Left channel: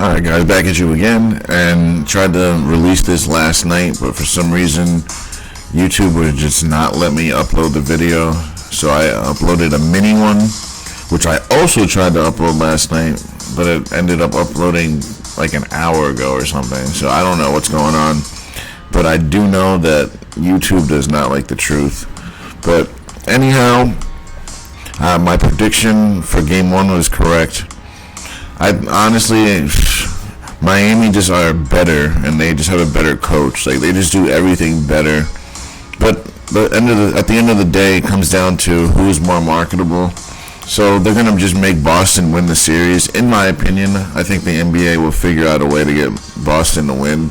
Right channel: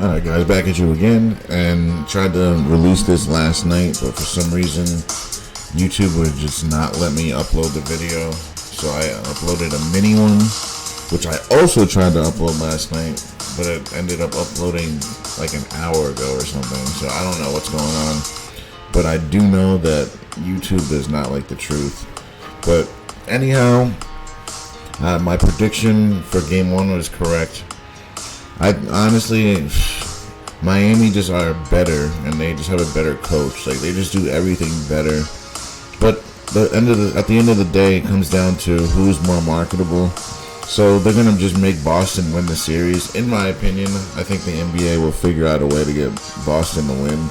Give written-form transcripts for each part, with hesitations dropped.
Alright guys, back at you again, and tried to release this last night, but for some reason YouTube would just not let me upload the video, so I uploaded a mini one, which I also tried to upload last night, but it ended up uploading like an hour ago or something, so I don't know what's going on, but I do know that YouTube does not like the truth. But anyhow, my prediction for game one was correct. I honestly, Miami just are better, and they just have a better coach. Like, they just do everything better. But at the end of the day, it comes down to who's more marketable. So they're gonna just make Boston win the series. In my opinion, I think the NBA will figure out a way to get Boston to win.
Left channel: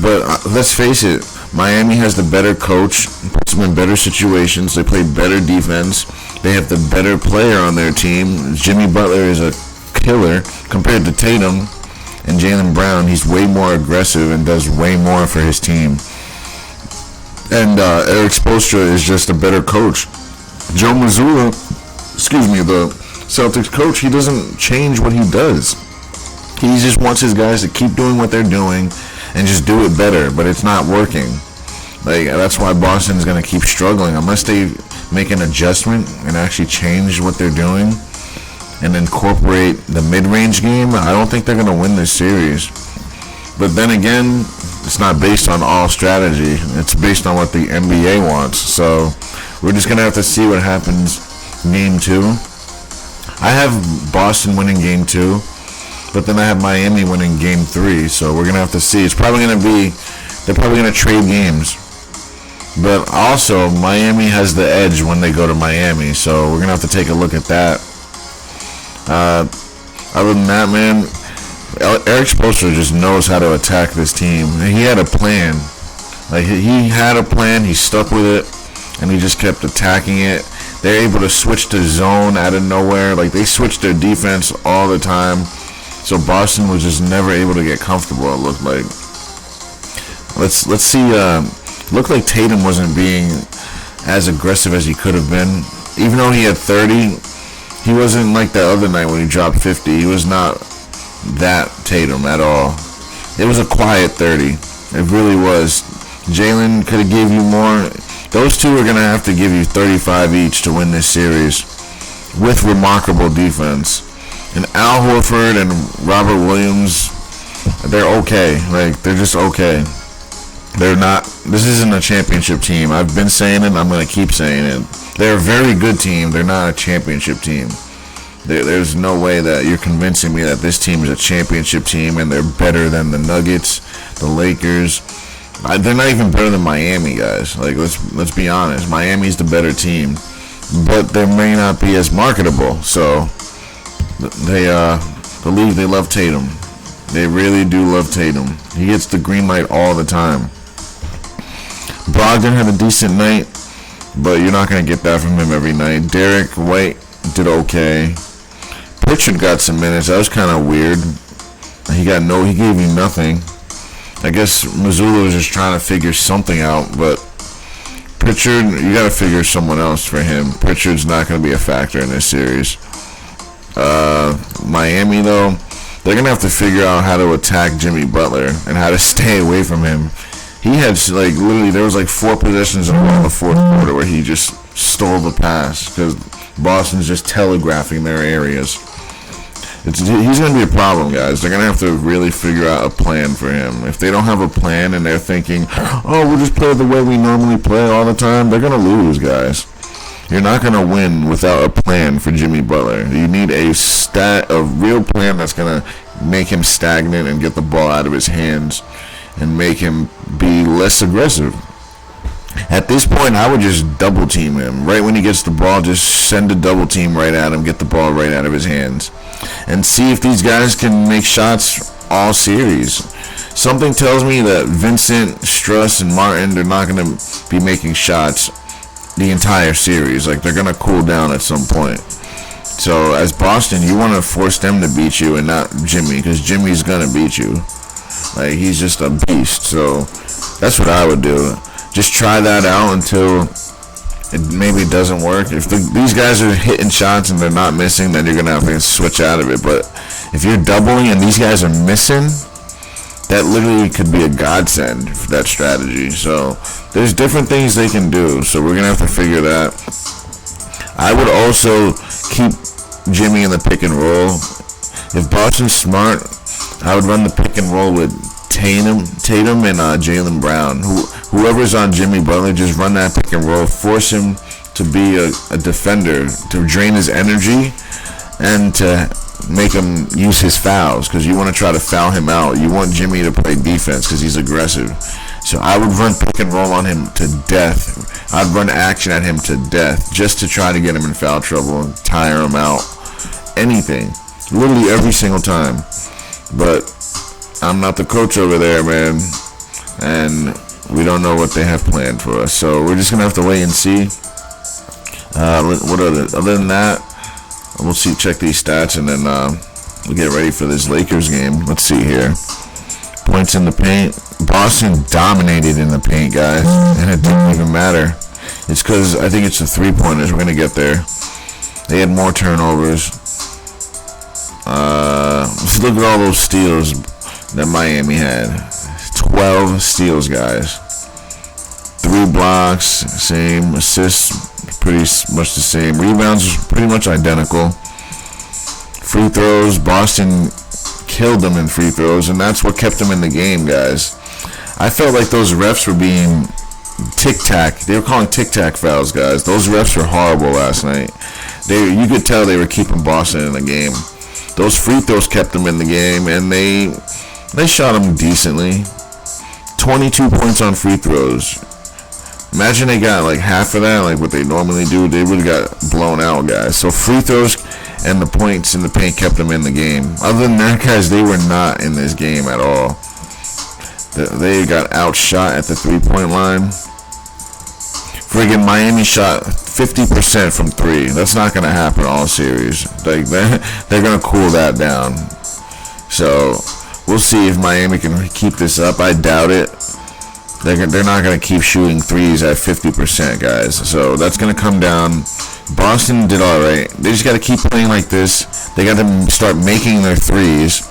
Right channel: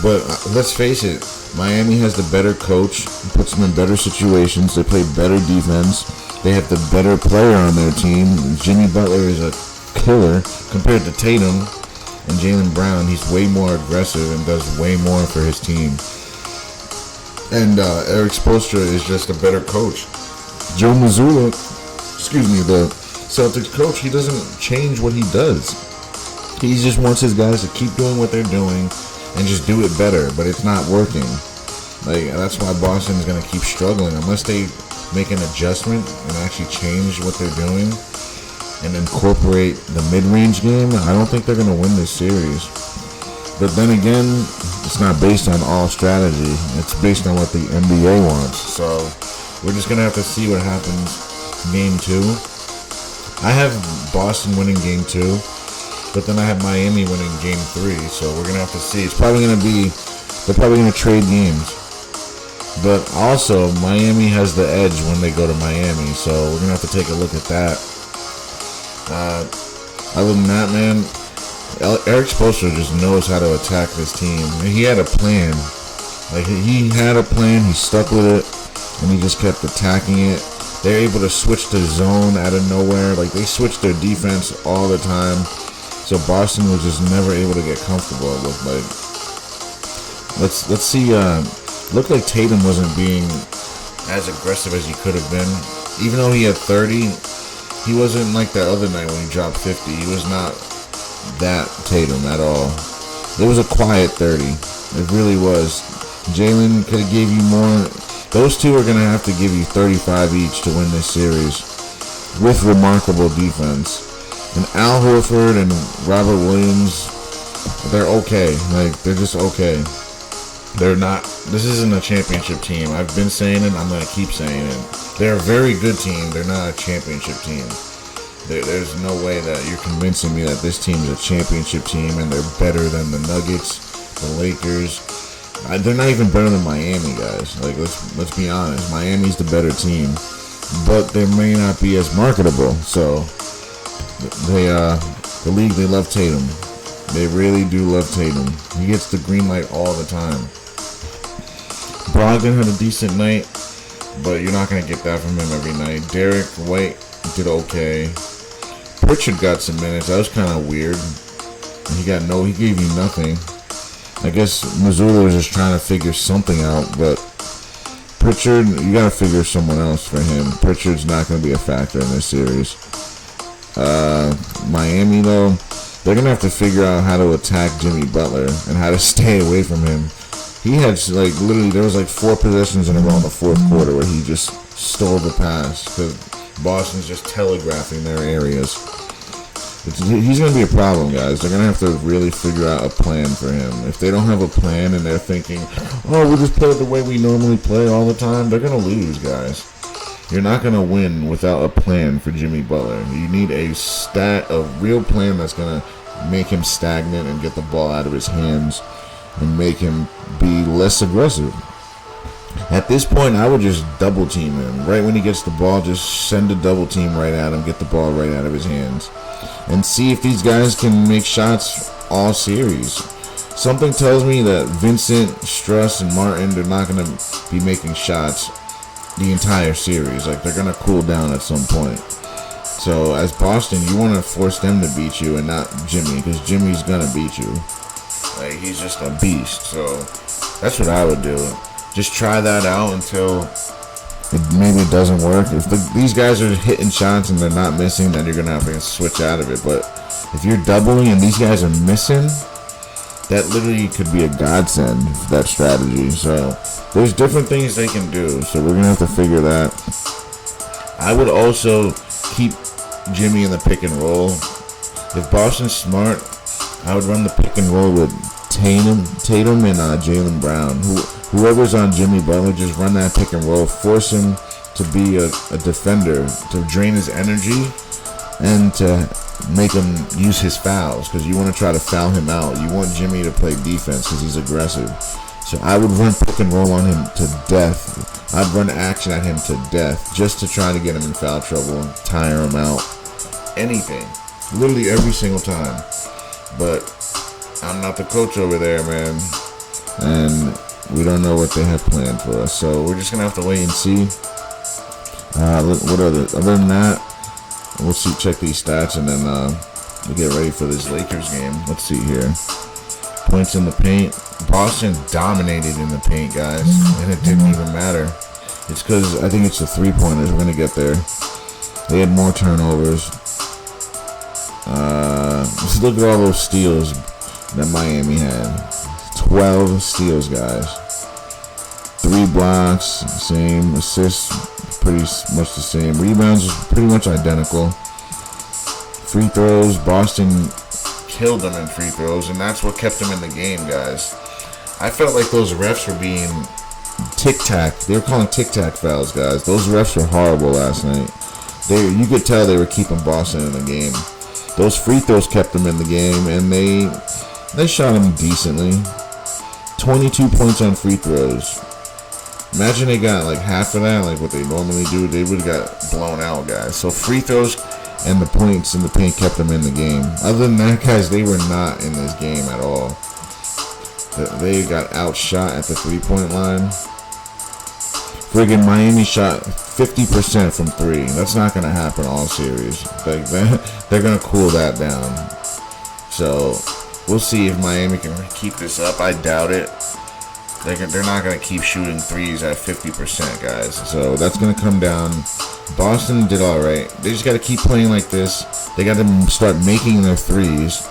But let's face it, Miami has the better coach, puts them in better situations. They play better defense. They have the better player on their team. Jimmy Butler is a killer compared to Tatum and Jaylen Brown. He's way more aggressive and does way more for his team. And Eric Spoelstra is just a better coach. Joe Mazzulla, the Celtics coach, he doesn't change what he does. He just wants his guys to keep doing what they're doing and just do it better, but it's not working. Like, that's why Boston's going to keep struggling unless they make an adjustment and actually change what they're doing and incorporate the mid-range game. I don't think they're going to win this series. But then again, it's not based on all strategy. It's based on what the NBA wants. So we're just going to have to see what happens in game two. I have Boston winning game two, but then I have Miami winning game three. So we're going to have to see. It's probably going to be, they're probably going to trade games. But also, Miami has the edge when they go to Miami. So we're going to have to take a look at that. Other than that, man, Eric Spoelstra just knows how to attack this team. He had a plan. Like, he had a plan, he stuck with it, and he just kept attacking it. They're able to switch to zone out of nowhere. Like, they switched their defense all the time. So Boston was just never able to get comfortable, it looked like. Let's see, looked like Tatum wasn't being as aggressive as he could have been. Even though he had 30, he wasn't like that other night when he dropped 50. He was not that Tatum at all. It was a quiet 30. It really was. Jaylen could have gave you more. Those two are going to have to give you 35 each to win this series with remarkable defense. And Al Horford and Robert Williams, they're okay. Like, they're just okay. They're not, this isn't a championship team. I've been saying it, I'm going to keep saying it. They're a very good team. They're not a championship team. There's no way that you're convincing me that this team is a championship team and they're better than the Nuggets, the Lakers. They're not even better than Miami, guys. Like, let's be honest. Miami's the better team, but they may not be as marketable. So they believe they love Tatum. They really do love Tatum. He gets the green light all the time. Brogdon had a decent night, but you're not going to get that from him every night. Derek White did okay. Pritchard got some minutes. That was kind of weird. He gave me nothing. I guess Mazzulla was just trying to figure something out, but Pritchard, you got to figure someone else for him. Pritchard's not going to be a factor in this series. Miami, though, they're going to have to figure out how to attack Jimmy Butler and how to stay away from him. He had, like, literally, there was like 4 possessions in the fourth quarter where he just stole the pass because Boston's just telegraphing their areas. He's going to be a problem, guys. They're going to have to really figure out a plan for him. If they don't have a plan and they're thinking, oh, we'll just play the way we normally play all the time, they're going to lose, guys. You're not going to win without a plan for Jimmy Butler. You need a real plan that's going to make him stagnant and get the ball out of his hands and make him be less aggressive. At this point, I would just double team him. Right when he gets the ball, just send a double team right at him, get the ball right out of his hands, and see if these guys can make shots all series. Something tells me that Vincent, Struss, and Martin, they're not going to be making shots the entire series. Like, they're going to cool down at some point. So, as Boston, you want to force them to beat you and not Jimmy, because Jimmy's going to beat you. Like, he's just a beast. So, that's what I would do. Just try that out until it maybe doesn't work. If these guys are hitting shots and they're not missing, then you're going to have to switch out of it. But if you're doubling and these guys are missing, that literally could be a godsend for that strategy. So there's different things they can do. So we're going to have to figure that. I would also keep Jimmy in the pick and roll. If Boston's smart, I would run the pick and roll with Tatum and Jaylen Brown. Whoever's on Jimmy Butler, just run that pick and roll. Force him to be a defender, to drain his energy, and to make him use his fouls, because you want to try to foul him out. You want Jimmy to play defense because he's aggressive. So I would run pick and roll on him to death. I'd run action at him to death just to try to get him in foul trouble and tire him out. Anything. Literally every single time. But I'm not the coach over there, man. And we don't know what they have planned for us. So we're just going to have to wait and see. Other than that, we'll see, check these stats, and then we'll get ready for this Lakers game. Let's see here. Points in the paint. Boston dominated in the paint, guys, and it didn't even matter. It's because I think it's the three-pointers. We're going to get there. They had more turnovers. Let's look at all those steals that Miami had. 12 steals, guys. 3 blocks, same. Assists, pretty much the same. Rebounds, pretty much identical. Free throws, Boston killed them in free throws, and that's what kept them in the game, guys. I felt like those refs were being tic-tac. They were calling tic-tac fouls, guys. Those refs were horrible last night. You could tell they were keeping Boston in the game. Those free throws kept them in the game, and they shot them decently. 22 points on free throws. Imagine they got like half of that, like what they normally do. They would have got blown out, guys. So free throws and the points in the paint kept them in the game. Other than that, guys, they were not in this game at all. They got outshot at the three-point line. Friggin' Miami shot 50% from 3. That's not going to happen all series. Like, they're going to cool that down. So we'll see if Miami can keep this up. I doubt it. They're not going to keep shooting threes at 50%, guys. So that's going to come down. Boston did all right. They just got to keep playing like this. They got to start making their threes.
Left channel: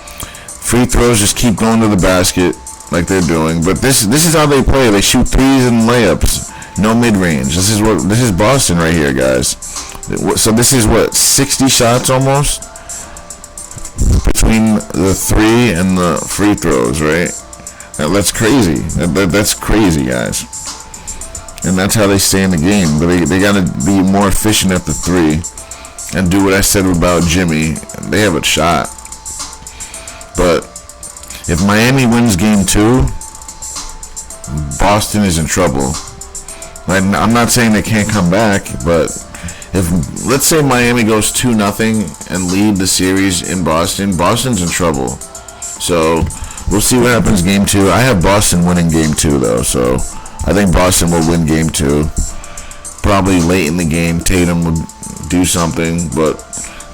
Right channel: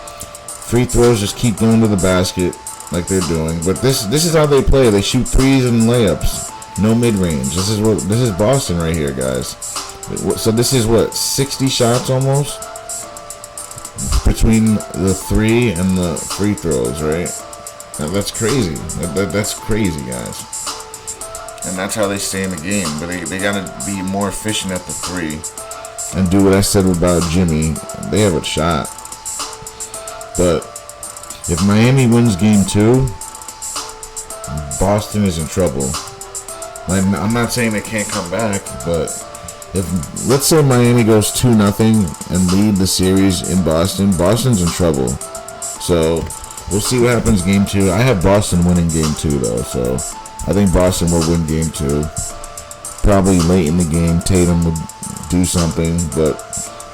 Free throws, just keep going to the basket like they're doing. But this is how they play. They shoot threes and layups. No mid-range. This is Boston right here, guys. So this is what, 60 shots almost between the 3 and the free throws, right? Now, that's crazy. That's crazy, guys. And that's how they stay in the game. But they got to be more efficient at the 3 and do what I said about Jimmy. They have a shot. But if Miami wins game 2, Boston is in trouble. I'm not saying they can't come back, but if, let's say Miami goes 2-0 and lead the series in Boston, Boston's in trouble. So we'll see what happens game 2. I have Boston winning game 2, though, so I think Boston will win game 2. Probably late in the game, Tatum would do something, but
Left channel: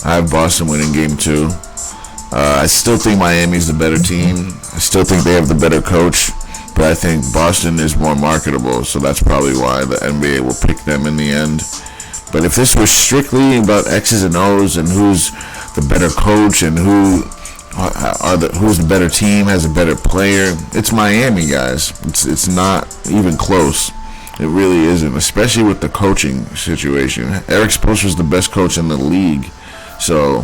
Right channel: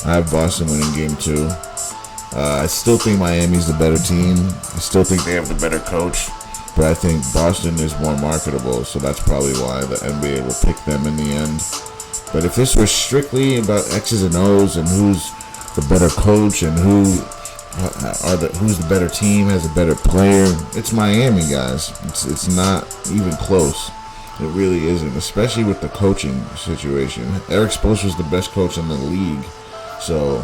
I have Boston winning game 2. I still think Miami's the better team. I still think they have the better coach. But I think Boston is more marketable, so that's probably why the NBA will pick them in the end. But if this was strictly about X's and O's and who's the better coach and who's the better team, has a better player, it's Miami, guys. It's not even close. It really isn't, especially with the coaching situation. Eric Spoelstra is the best coach in the league, so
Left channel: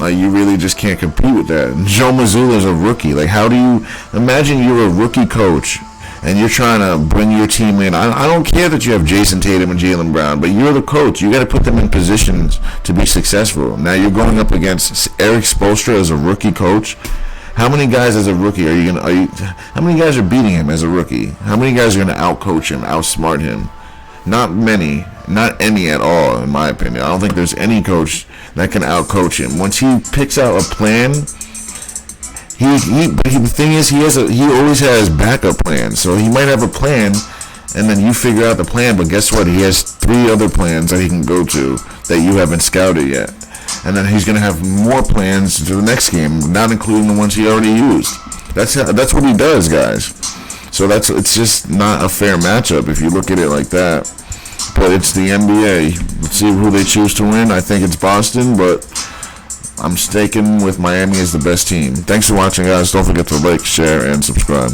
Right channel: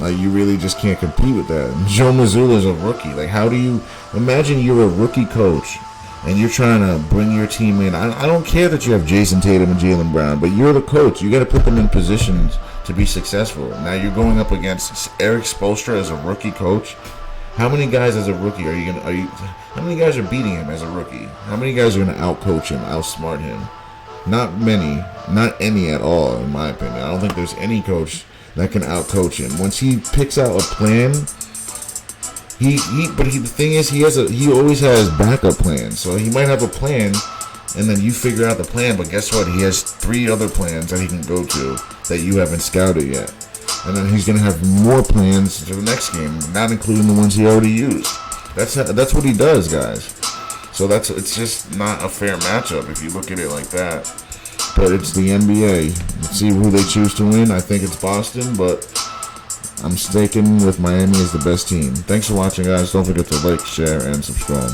you really just can't compete with that. Joe Mazzulla is a rookie. How do you imagine you're a rookie coach and you're trying to bring your team in? I don't care that you have Jason Tatum and Jaylen Brown, but you're the coach. You got to put them in positions to be successful. Now you're going up against Eric Spoelstra as a rookie coach. How many guys as a rookie how many guys are beating him as a rookie? How many guys are going to outcoach him, outsmart him? Not many. Not any at all, in my opinion. I don't think there's any coach that can outcoach him. Once he picks out a plan, the thing is, he always has backup plans. So he might have a plan, and then you figure out the plan. But guess what? He has 3 other plans that he can go to that you haven't scouted yet, and then he's gonna have more plans to the next game, not including the ones he already used. That's what he does, guys. So it's just not a fair matchup if you look at it like that. But it's the NBA. Let's see who they choose to win. I think it's Boston, but I'm sticking with Miami as the best team. Thanks for watching, guys. Don't forget to like, share, and subscribe.